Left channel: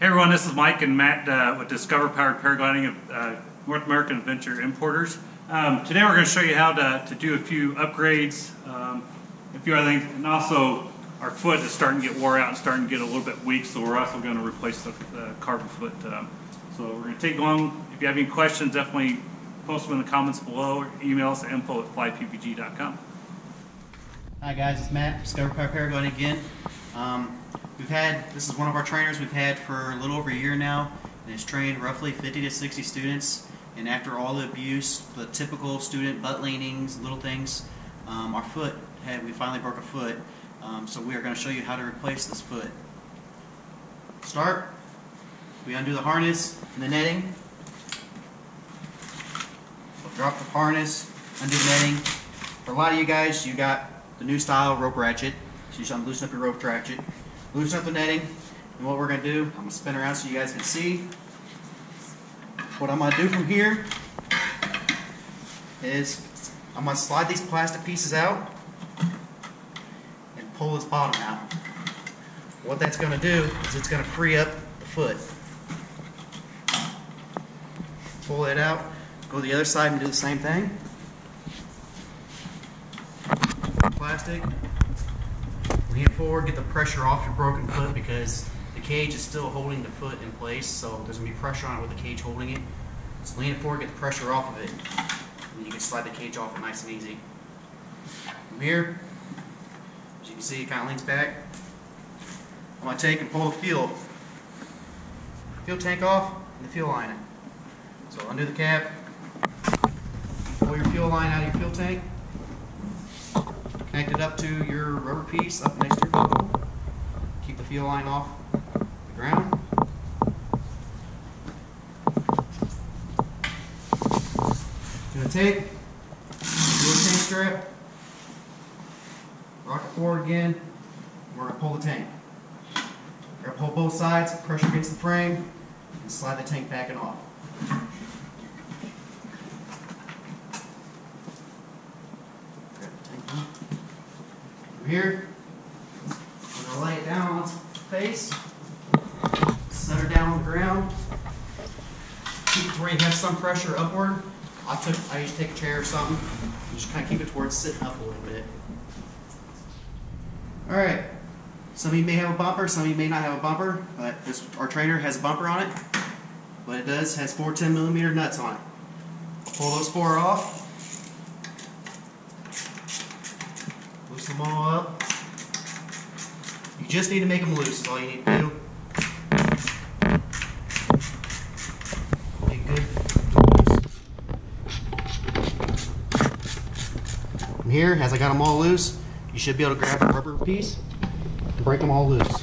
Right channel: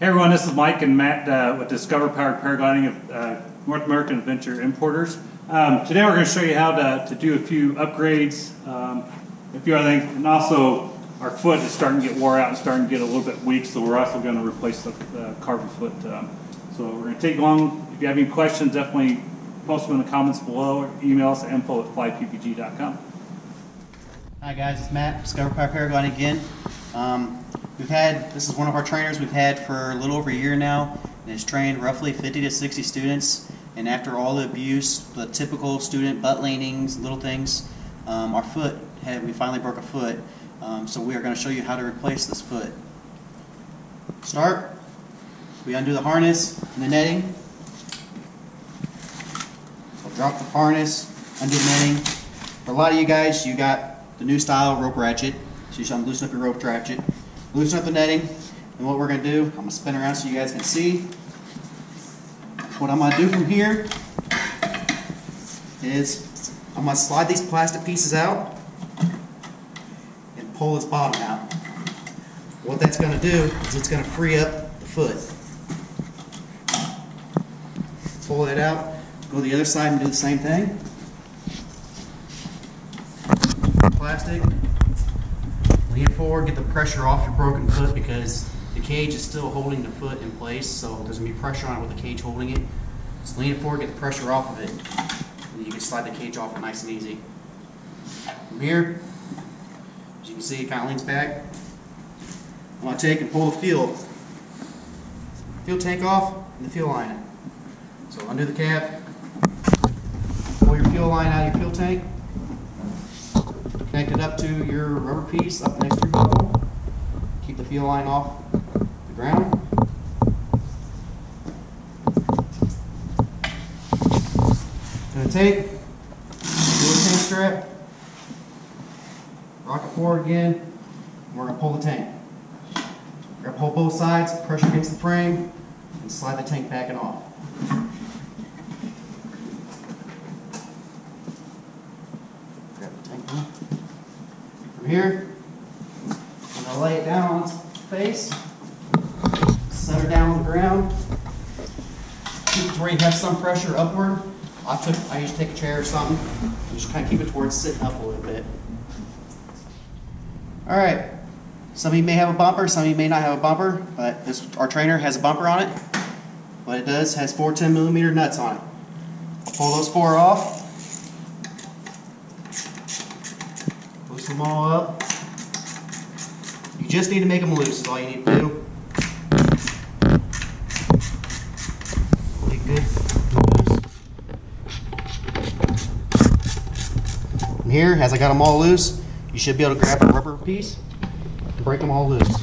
Hey everyone, this is Mike and Matt with Discover Powered Paragliding of North American Adventure Importers. Today we're going to show you how to do a few upgrades, a few other things, and also our foot is starting to get wore out and starting to get a little bit weak, so we're also going to replace the carbon foot. So we're going to take long. If you have any questions, definitely post them in the comments below or email us at info@flyppg.com. Hi guys, it's Matt, Discover Powered Paragliding again. This is one of our trainers we've had for a little over a year now, and has trained roughly 50 to 60 students. And after all the abuse, the typical student butt leanings, little things, we finally broke a foot. So we are going to show you how to replace this foot. Start, we undo the harness and the netting. So drop the harness, undo the netting. For a lot of you guys, you got the new style rope ratchet. So you should loosen up your rope ratchet. Loosen up the netting, and what we're going to do, I'm going to spin around so you guys can see. What I'm going to do from here is I'm going to slide these plastic pieces out and pull this bottom out. What that's going to do is it's going to free up the foot. Pull it out, go to the other side and do the same thing. Plastic. Lean forward, get the pressure off your broken foot because the cage is still holding the foot in place, so there's going to be pressure on it with the cage holding it. So lean it forward, get the pressure off of it, and you can slide the cage off nice and easy. From here, as you can see, it kind of leans back. I'm going to take and pull the fuel tank off and the fuel line in. So undo the cap, pull your fuel line out of your fuel tank. Connect it up to your rubber piece up next to your buckle. Keep the fuel line off the ground. Going to take fuel tank strap, rock it forward again, and we're going to pull the tank. We're going to pull both sides, pressure against the frame, and slide the tank back and off. Grab the tank off. From here, I'm going to lay it down on its face, set her down on the ground, keep it to where you have some pressure upward. I usually take a chair or something, and just kind of keep it towards sitting up a little bit. Alright, some of you may have a bumper, some of you may not have a bumper, but our trainer has a bumper on it. What it does has 4 10mm nuts on it. I'll pull those 4 off. Loosen them all up. You just need to make them loose is all you need to do. Get good loose. From here, as I got them all loose, you should be able to grab a rubber piece and break them all loose.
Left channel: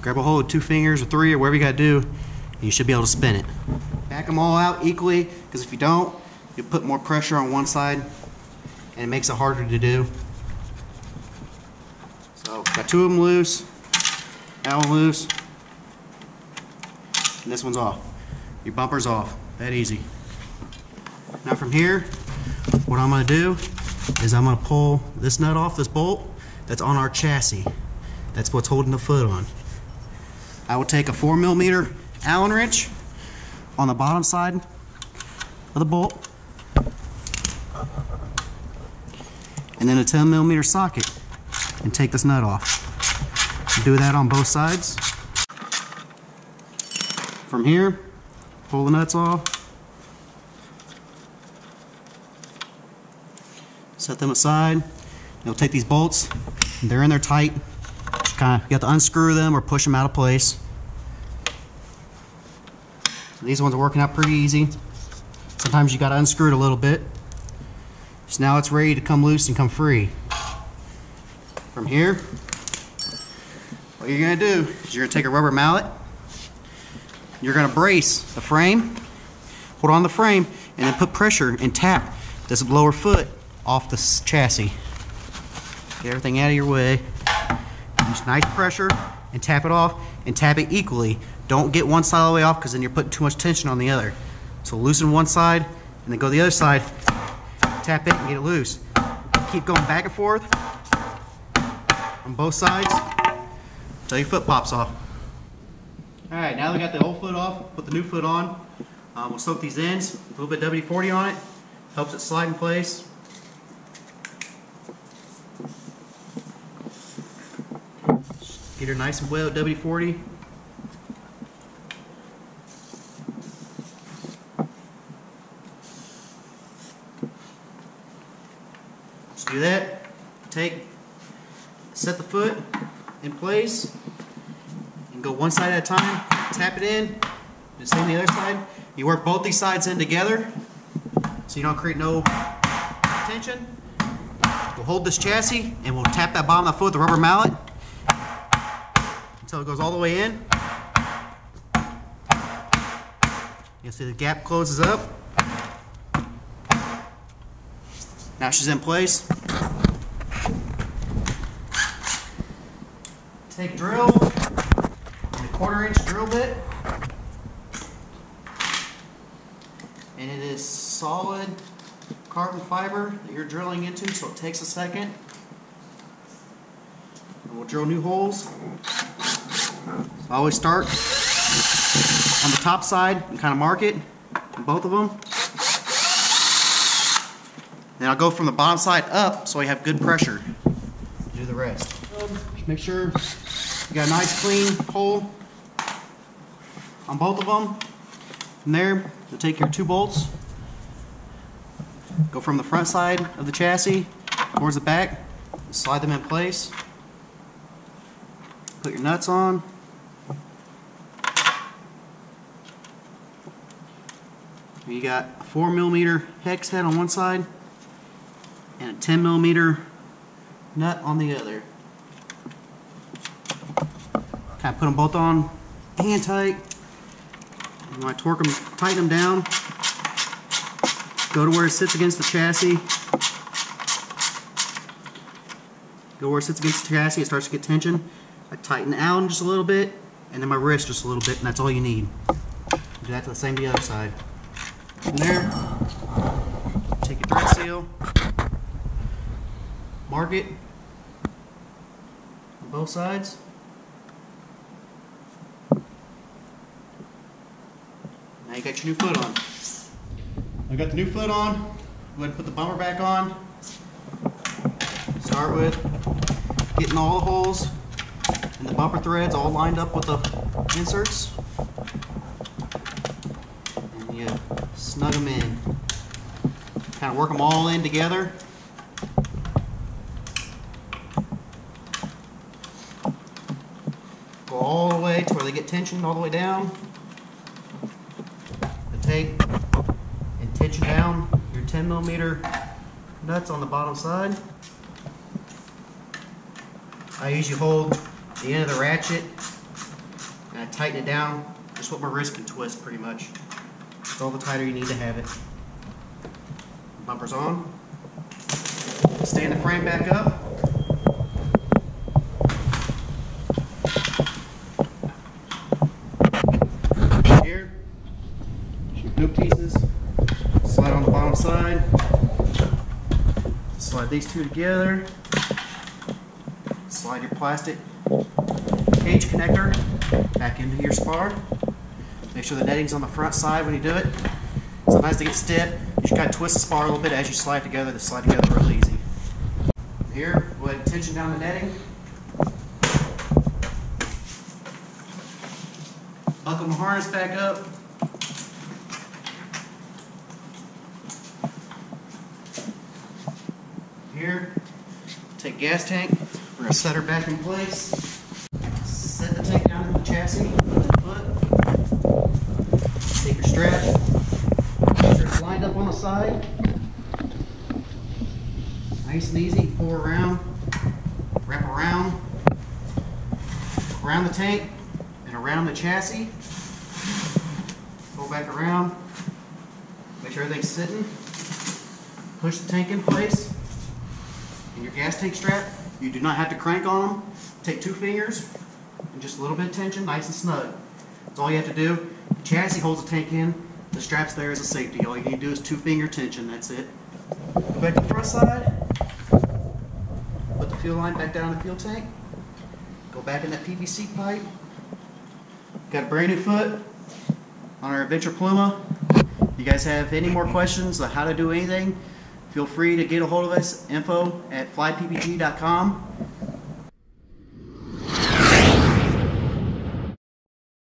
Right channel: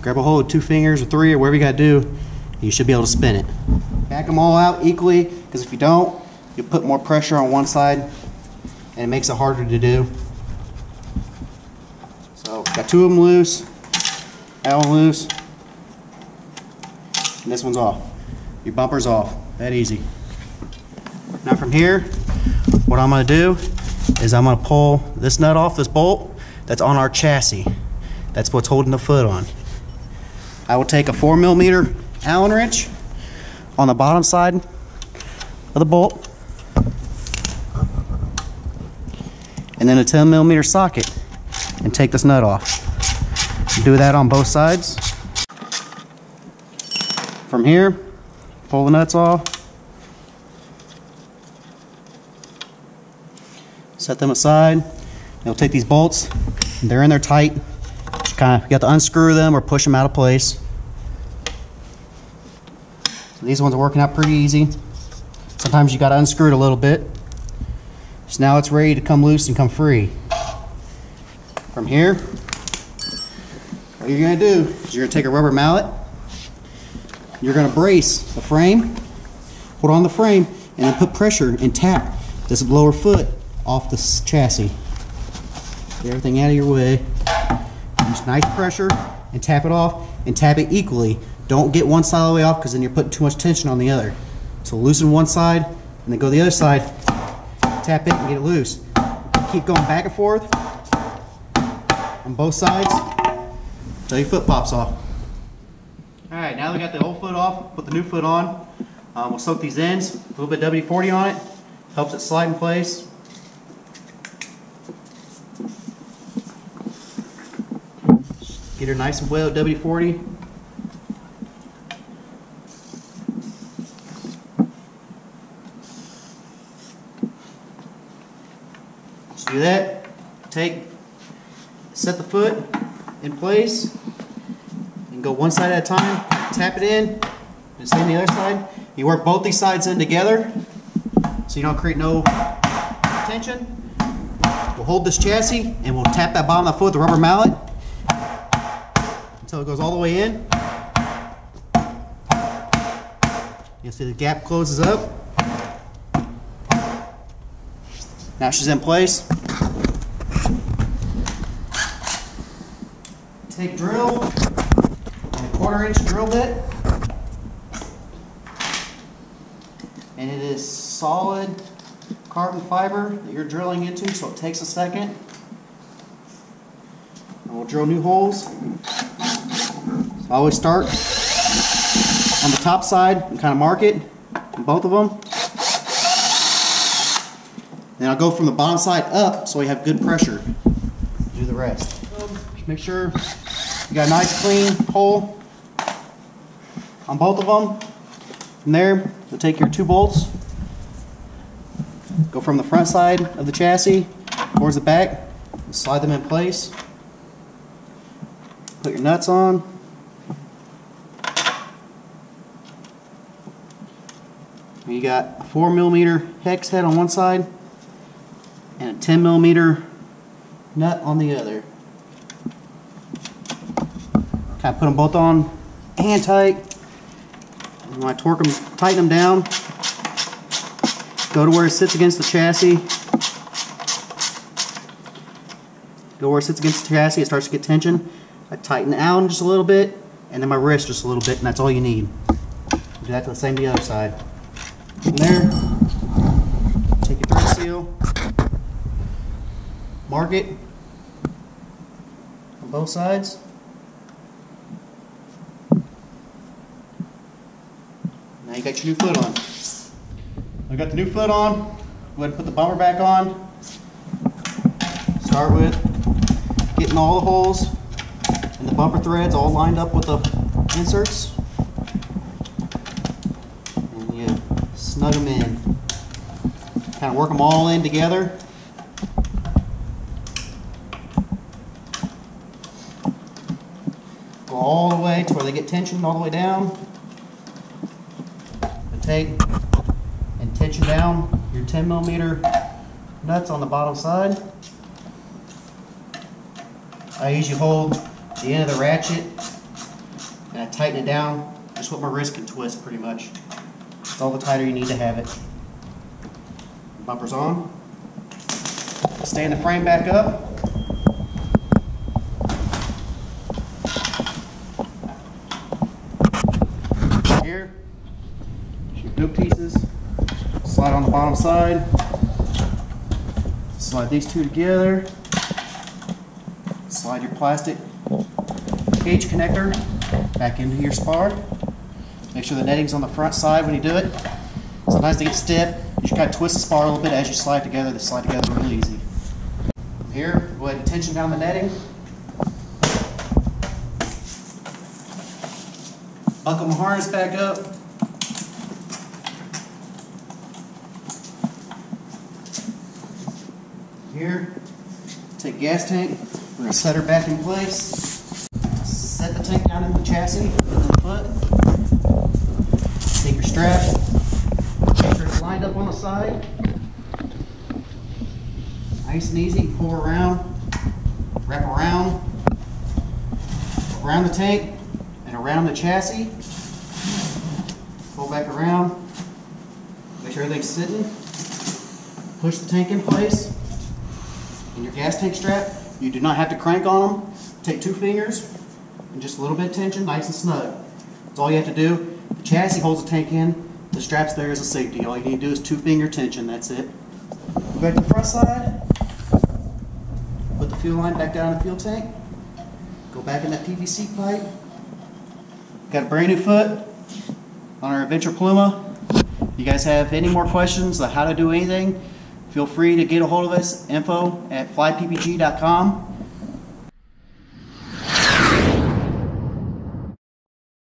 Grab a hold of 2 fingers or 3 or whatever you got to do, and you should be able to spin it. Back them all out equally, because if you don't, you'll put more pressure on one side and it makes it harder to do. So got 2 of them loose, that one loose, and this one's off. Your bumper's off, that easy. Now from here, what I'm going to do is I'm going to pull this nut off, this bolt that's on our chassis. That's what's holding the foot on. I will take a 4mm Allen wrench on the bottom side of the bolt, and then a 10mm socket, and take this nut off. Do that on both sides. From here, pull the nuts off, set them aside. You'll take these bolts, and they're in there tight. You have to unscrew them or push them out of place. So these ones are working out pretty easy. Sometimes you got to unscrew it a little bit. So now it's ready to come loose and come free. From here, what you're going to do is you're going to take a rubber mallet. You're going to brace the frame, hold on the frame, and then put pressure and tap this lower foot off the chassis. Get everything out of your way. Use nice pressure and tap it off, and tap it equally. Don't get one side all the way off because then you're putting too much tension on the other. So loosen one side and then go to the other side, tap it and get it loose. Keep going back and forth on both sides. until your foot pops off. Alright, now we got the old foot off, put the new foot on. We'll soak these ends, a little bit WD-40 on it, helps it slide in place. Get her nice and wet with WD-40. Just do that. Set the foot in place and go one side at a time. Tap it in. The same the other side. You work both these sides in together so you don't create no tension. We'll hold this chassis and we'll tap that bottom of the foot with the rubber mallet until it goes all the way in. You'll see the gap closes up. Now she's in place. Take drill and a 1/4 inch drill bit. And it is solid carbon fiber that you're drilling into, so it takes a second. And we'll drill new holes. So I always start on the top side and kind of mark it in both of them. Then I'll go from the bottom side up so you have good pressure to do the rest. Make sure you got a nice clean hole on both of them. From there, you'll take your 2 bolts, go from the front side of the chassis towards the back, and slide them in place. Put your nuts on. And you got a 4mm hex head on one side and a 10mm nut on the other. Kind of put them both on hand tight. And when I torque them, tighten them down. Go to where it sits against the chassis. Go where it sits against the chassis, it starts to get tension. I tighten out just a little bit, and then my wrist just a little bit, and that's all you need. Do that to the same the other side. From there, take your thread seal, mark it on both sides. Now you got your new foot on. I got the new foot on. Go ahead and put the bumper back on. Start with getting all the holes and the bumper threads all lined up with the inserts. And you snug them in. Kind of work them all in together. Go all the way to where they get tensioned all the way down. Take and tension down your 10mm nuts on the bottom side. I usually hold the end of the ratchet and I tighten it down just what my wrist can twist pretty much. It's all the tighter you need to have it. Bumper's on. Stand the frame back up. Here. Yoke pieces, slide on the bottom side, slide these two together, slide your plastic cage connector back into your spar. Make sure the netting's on the front side when you do it. Sometimes they get stiff, you just kind of twist the spar a little bit as you slide together. They slide together really easy. Here, go ahead and tension down the netting. Buckle my harness back up. Here, take gas tank, we're going to set her back in place, set the tank down in the chassis and the foot, take your strap, make sure it's lined up on the side, nice and easy, pull around, wrap around the tank and around the chassis, pull back around, make sure everything's sitting, push the tank in place. And your gas tank strap, you do not have to crank on them. Take 2 fingers and just a little bit of tension, nice and snug. That's all you have to do. The chassis holds the tank in, the strap's there as a safety. All you need to do is 2-finger tension, that's it. Go back to the front side, put the fuel line back down in the fuel tank, go Go back in that PVC pipe. Got a brand new foot on our Adventure Pluma. If you guys have any more questions on how to do anything, feel free to get a hold of us, info@flyppg.com.